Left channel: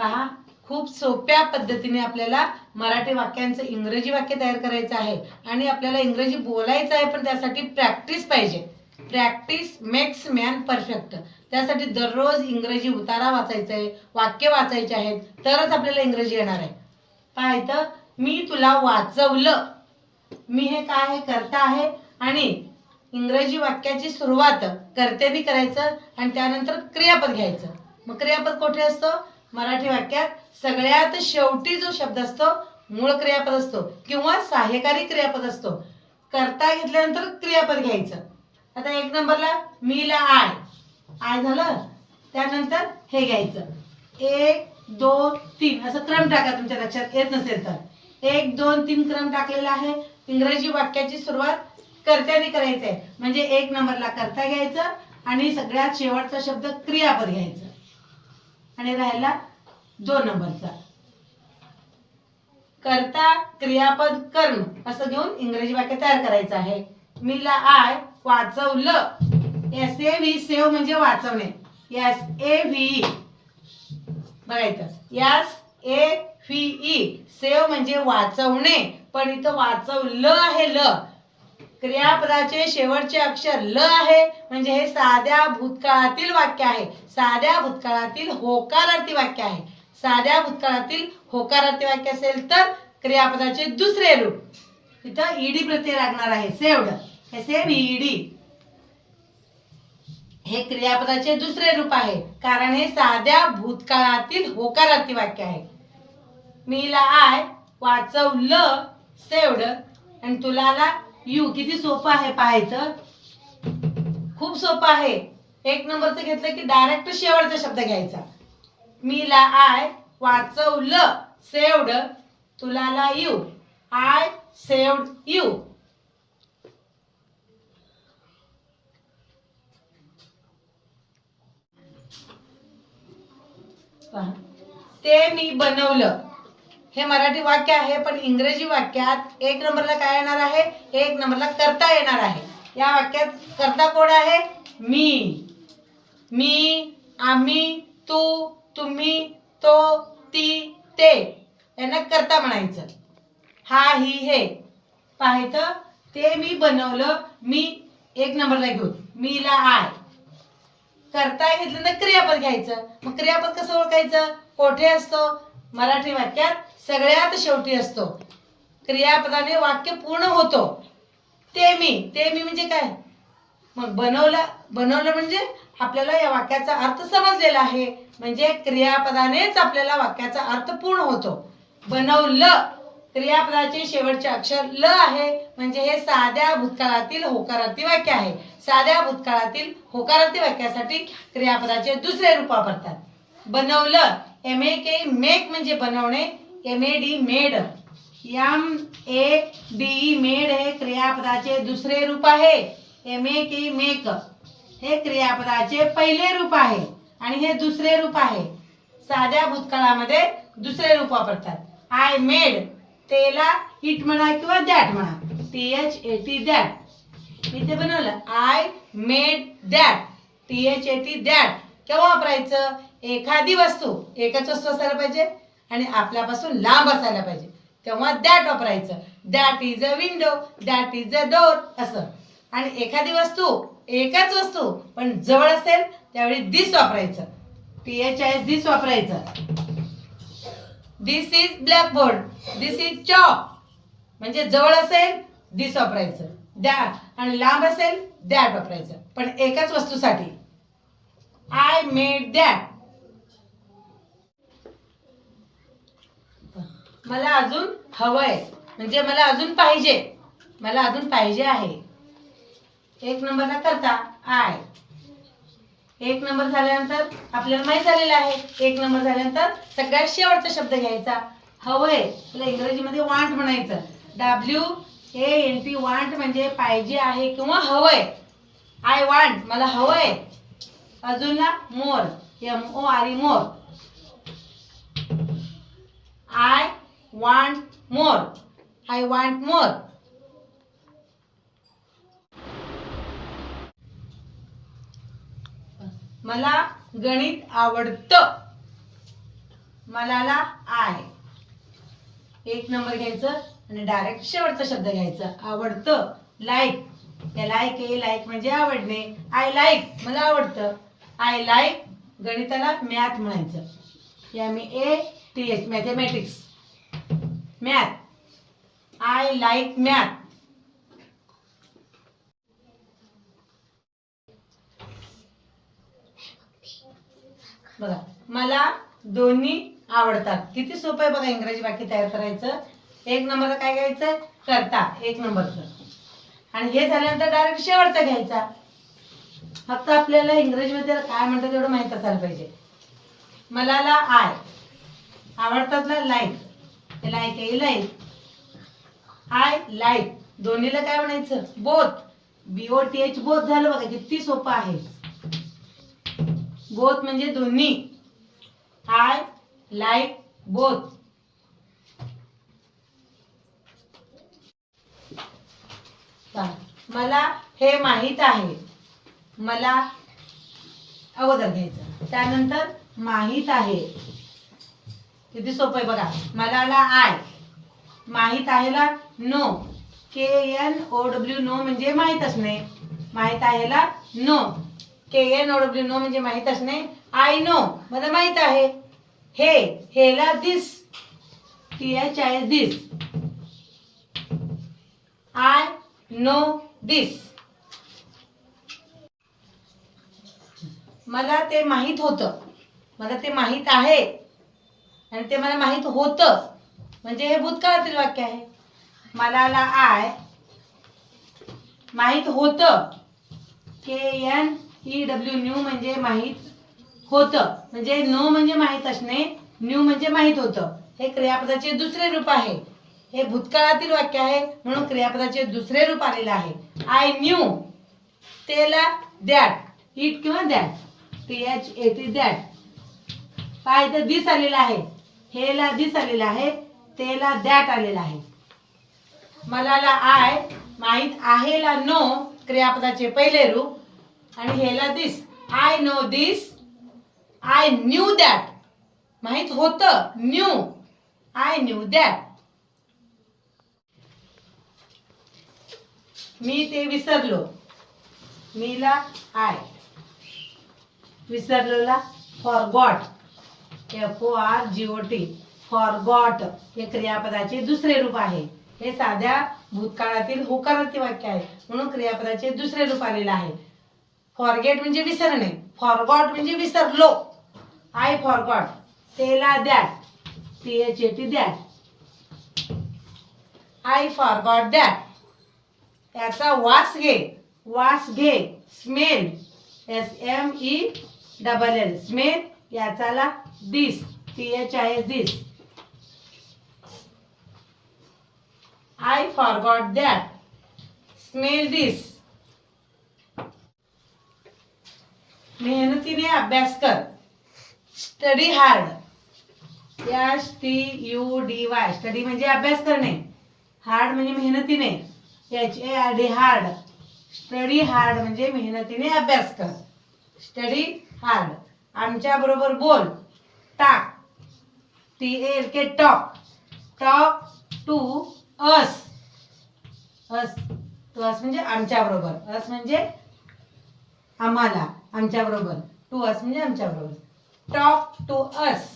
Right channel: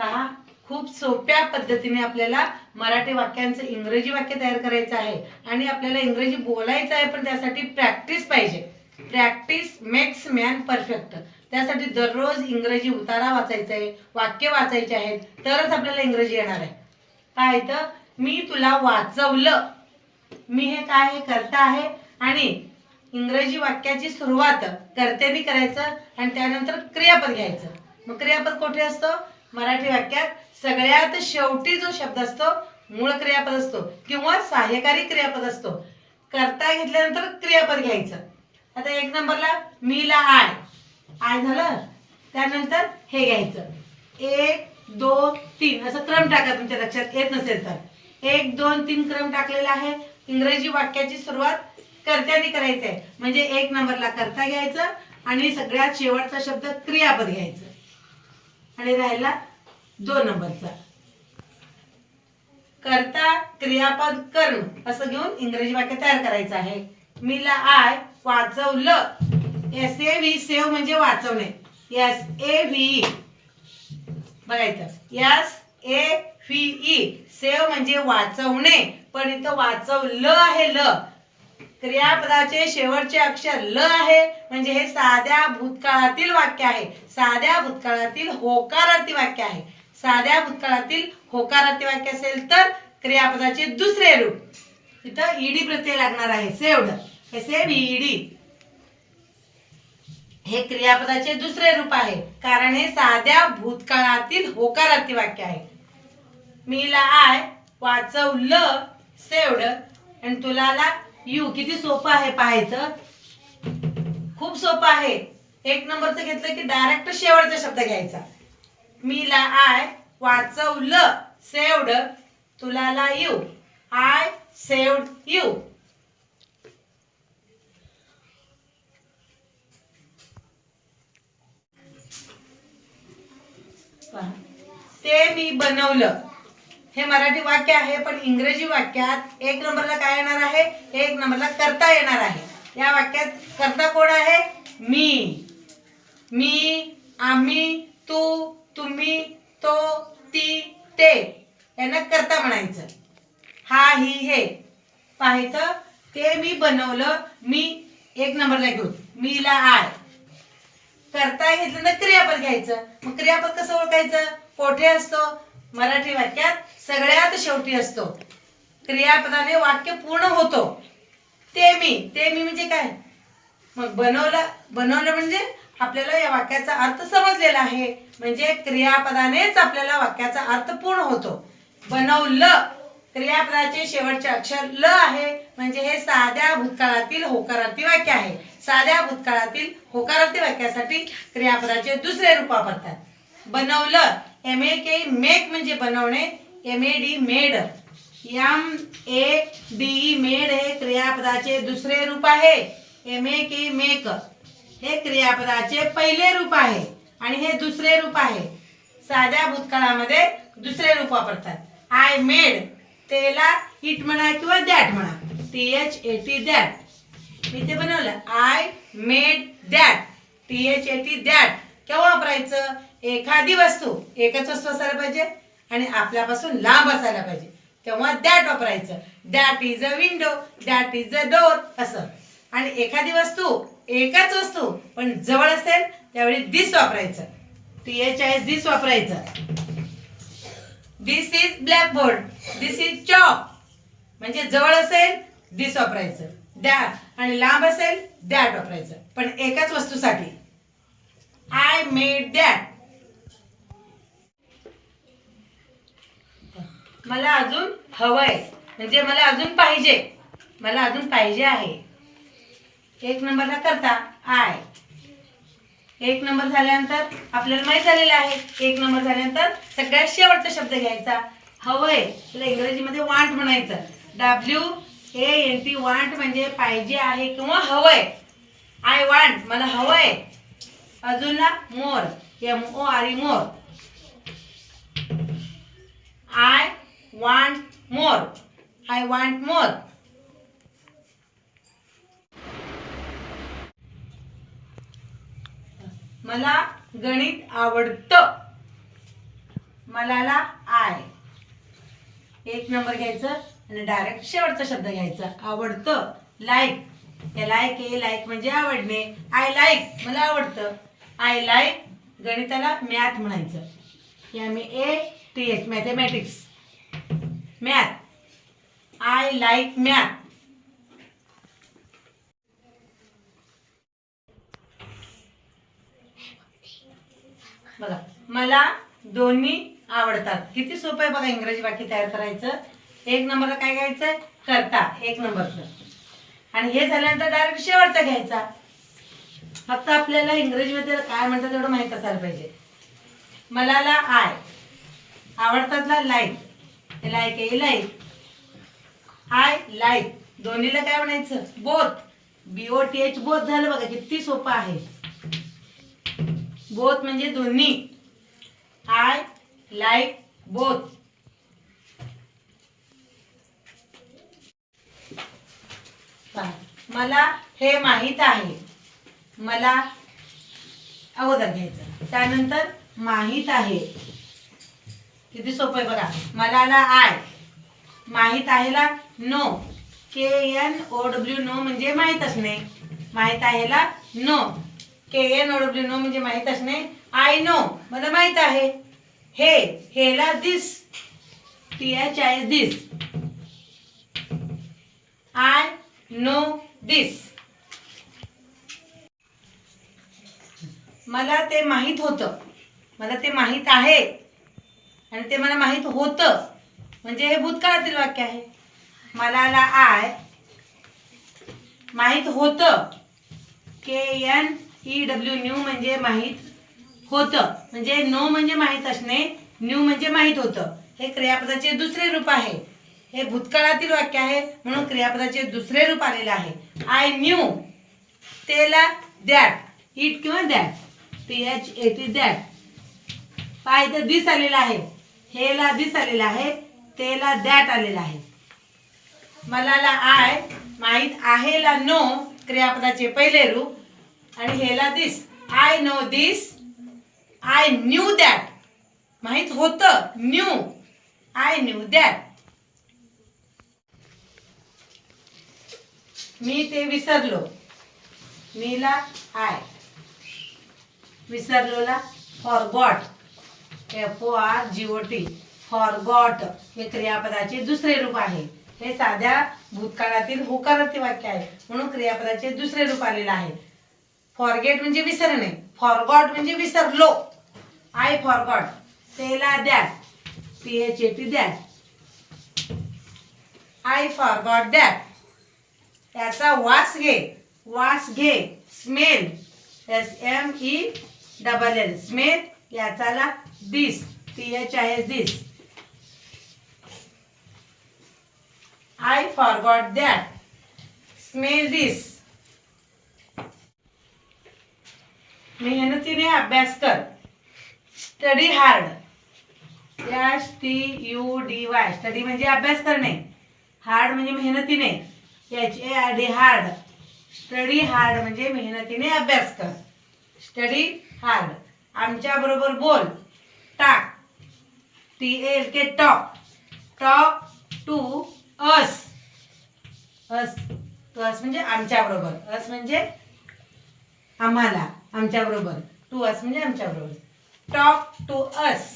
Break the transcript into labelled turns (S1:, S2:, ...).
S1: पहा खूप सोप्या पद्धतीने आपल्याला मराठी वाक्यांचं इंग्रजी वाक्य तयार करायचं आहे. आणि आपल्याला इंग्रजी बोलायचं आहे पण त्यासाठी प्रॅक्टिस पाहिजे. प्रॅक्टिस मेक्स मॅन परफेक्ट त्यासाठी दररोज इंग्रजी उतारा वाचायचा आहे वाक्य वाचायचे आहेत तरच आपल्याला इंग्रजी येणार आहे. काय मी तुला वाचवलं. मी हे काय हे करता आहे. आणि इंग्रजी वाक्याची सुरुवात कर्त्यानी करायचं आणि त्यानंतर क्रियापद घ्यायचं. मग क्रियापद कुठे असतो? मराठी वाक्यात सगळ्यात शेवटी जो शब्द असतो मूळ क्रियापद असतो किंवा सहाय्यकारी क्रियापद असतो. करता घेतल्यानंतर क्रियापद घ्यायचं. आता एक नंबरला मीला आय. आय झालं त्यानंतर हे घ्यायचं. एक दोन तीन. असं क्रम टाका तुमच्या लक्षात येत नसेल तर. एक दोन तीन क्रम टाकलेला आहे. इंग्रजी वाक्याची सुरुवात कर्त्याने करायचं आहे म्हणजे एक नंबरला कर्ता घ्यायचं आणि सगळ्यात शेवटचा शब्द क्रियापद घ्यायचं. आणि राहिला दोन नंबरचा. कर्ता क्रियापद कर्म असं घेऊन इंग्रजी वाक्य तयार करायचं आहे. मीला आय वाचवलं. एस ए व्ही सेव म्हणजे वाचवणे. एस ए व्ही बघायचं S A V E save म्हणजे वाचवणे. पण इथं वाचवलं आहे ल. क्रियापदाचे शेवटचे अक्षर ल आहे. म्हणजे हे साध्या भूतकाळातील वाक्य आहे. साध्या भूतकाळातील होकारार्थी वाक्य आहे. साध्या भूतकाळातील होकारार्थी वाक्य असेल तर क्रियापदाचे दुसरे रूप. इथं ईडी प्रत्यय लागणार आहे. सेवड हे सेव ईडी. हे क्रियापदाचे दुसरे रूप आहे. कारण हे साध्या भूतकाळातील होकारार्थी वाक्य आहे. मीला आय वाचवलं. सेवड आणि तुलाला यू किती सोपं आहे पाहायचं? खूप सोपं आहे. एक नंबरचं घेतलं की डायरेक्ट शेवटचा शब्द घ्यायचा. मी ला आय वाचवलं सेवड तुला ला यू आय सेवड यू. पहा. ते मी बनवलं. हे मराठी वाक्य आहे पण इंग्रजी वाक्यात एक नंबरला काय येणार आहे? एक नंबरला करता येणार आहे. या वाक्यात करता कोण आहे? मी. मी आम्ही तू तुम्ही तो ती ते. यांना करता म्हणायचं. हा ही हे. पाहायचं ते मी बनवलं मी एक नंबरला घेऊन. मीला आय. करता घेतलं तर क्रियापद घ्यायचं. मग क्रियापद कसं ओळखायचं? कोठे असतो? मराठी वाक्यात सगळ्यात शेवटी असतो. क्रियापदाने वाक्य पूर्ण होतो. ते मी ते मी म्हणजे काय? मग बनवलं बनवलं म्हणजे आपल्याला या वाक्याचा अर्थ समजलेला आहे. म्हणजे क्रियापदानेच आपल्याला वाक्याचा अर्थ पूर्ण होतो. बनवलं क्रियापदाचे शेवटचे अक्षर ल आहे. म्हणजे हे साध्या भूतकाळातील होकारार्थी वाक्य आहे. साध्या भूतकाळातील होकारार्थी वाक्यासाठी क्रियापदाचे दुसरे रूप वापरतात. बनवलं एम ए के मेक म्हणजे बनवणे M A D made M A D made हे क्रियापदाचे दुसरे रूप आहे. एम ए के मेक हे क्रियापदाचे पहिले रूप आहे आणि हे दुसरे रूप आहे. साध्या भूतकाळामध्ये दुसरे रूप वापरतात. आय मेड तेला इट म्हणा किंवा दॅट म्हणा. T H A T that मी ते बनवलं. I made that T H A T that केव्हा वापरायचं? एखादी वस्तू एकच वस्तू असायला पाहिजे आणि आपल्यापासून लांब असायला पाहिजे. तेव्हा दॅट वापरायचं. That is a window that is a door असं. आणि एखादी वस्तू एकच वस्तू पण जवळ असेल त्यावेळी दिस वापरायचं. T H I S this वापरायचं. This is blackboard this is chalk म्हणजे जवळ असेल दिस वापरायचं. दॅट आणि लांब असेल दॅट वापरायचं. पण एकाच वस्तूसाठी. आय मेड दॅट मला अजून हवंय. म्हणजे मला अजून पाहिजे. मला अजून पाहिजे आहे. एक नंबरला करता. आय. एक नंबर झाल्यानंतर आपल्याला माहीत झालेलं आहे. एक नंबर झाल्यानंतर सगळ्यात शेवटचा शब्द घ्यायचा. हवंय. त्याला इंग्रजीमध्ये वांट म्हणायचं. W A N T want म्हणजे पाहिजे आहे किंवा हवंय. आय वांट मला हवंय. अजून ना more M O R E more I want more I want more मला गणित आवडतं. मलाला आय एक नंबर घ्यायचं आणि डायरेक्ट शेवटचा शब्द घ्यायचा. आवडतं. लाईक हे लाईक हे लाईक म्हणजे आवडणे. आय लाईक मला आवडतं. आय लाईक गणिताला मॅथ म्हणायचं. या मी A T H mathematics math I like math बघा मला दोन्ही आवडतात. किती सोपं आहे बघा इंग्रजी वाक्य तयार करायचं. एक नंबरला काय घ्यायचं? करता. एक नंबरचं. आणि हे झाल्यानंतर डायरेक्ट शेवटचा घ्यायचा. फक्त आपल्याला इंग्रजीमध्ये काय म्हणतात तेवढं माहीत असायला पाहिजे. मलाला आय आवडतातला लाईक त्याला आहे लाइट आय लाईक दोन्हीला काय म्हणायचं? Both B O T H both झालं बघा किती सोपं आहे. बोथ म्हणजे दोन्ही. आय लाईक बोथ मला हे माहीत आहे. मला अगोदर घ्यायचं. त्यानंतर माहीत आहे. किती सोपं आहे बघा. मलाला आय. माहीत आहेला know? K N O W know म्हणजे माहीत असणे माहीत आहेला know? K N O W know म्हणजे माहीत असणे आय नो मला माहीत आहे. हे हेला this T H I this I know this मला ते माहीत होतं. मला ते माहीत आहे. आणि ते मला माहीत होतं. म्हणजे हे भूतकाळातील वाक्य आहे. मलाला आय माहीत होतं. K N E W knew म्हणजे माहीत होतं. म्हणजे नो म्हणजे माहीत असणे न्यू म्हणजे माहीत होतं. हे क्रियापदाचे दुसरे रूप आहे. हे भूतकाळातील वाक्य आहे म्हणून क्रियापदाचे दुसरे रूप आलेलं आहे. आय न्यू तेला दॅट इट किंवा that. T H A T that. पाय इथं दिस आलेला आहे. हेला दिस आलेला आहे तेला दॅट आलेला आहे. मलाला आय माहीत आहे ला नो क्रियापदाचे पहिले रूप आणि हेला this. I know this I knew that. माहीत होतं न्यू. I knew that. मी ते विसरलो. मीला I. विसरलोला forgot F O R G O T forgot हे क्रियापदाचे दुसरे रूप आहे. हे साध्या भूतकाळातील होकारार्थी वाक्य आहे. म्हणून क्रियापदाचे दुसरे रूप आलेलं आहे. फॉरगेट म्हणजे विसरणे. फॉरगॉट म्हणजे विसरलो. आय फॉरगॉट तेला that T H A T that I forgot that त्याचा वास घे. वास घे. Smell S M E double L smell याचाला this T H I S this I forgot that smell this मेहनतीने अभ्यास कर. Study hard S T U D Y study म्हणजे अभ्यास करणे. हार्ड म्हणजे मेहनतीने. H A R D hard study hard म्हणजे मेहनतीने अभ्यास कर. स्टडी हार्ड आमच्या बरोबर बोल. Talk. T L K talk talk to us us to us म्हणजे आमच्या बरोबर अस म्हणजे आम्हाला. आमच्या बरोबर टू अस म्हणजे आमच्या बरोबर टॉक टू अस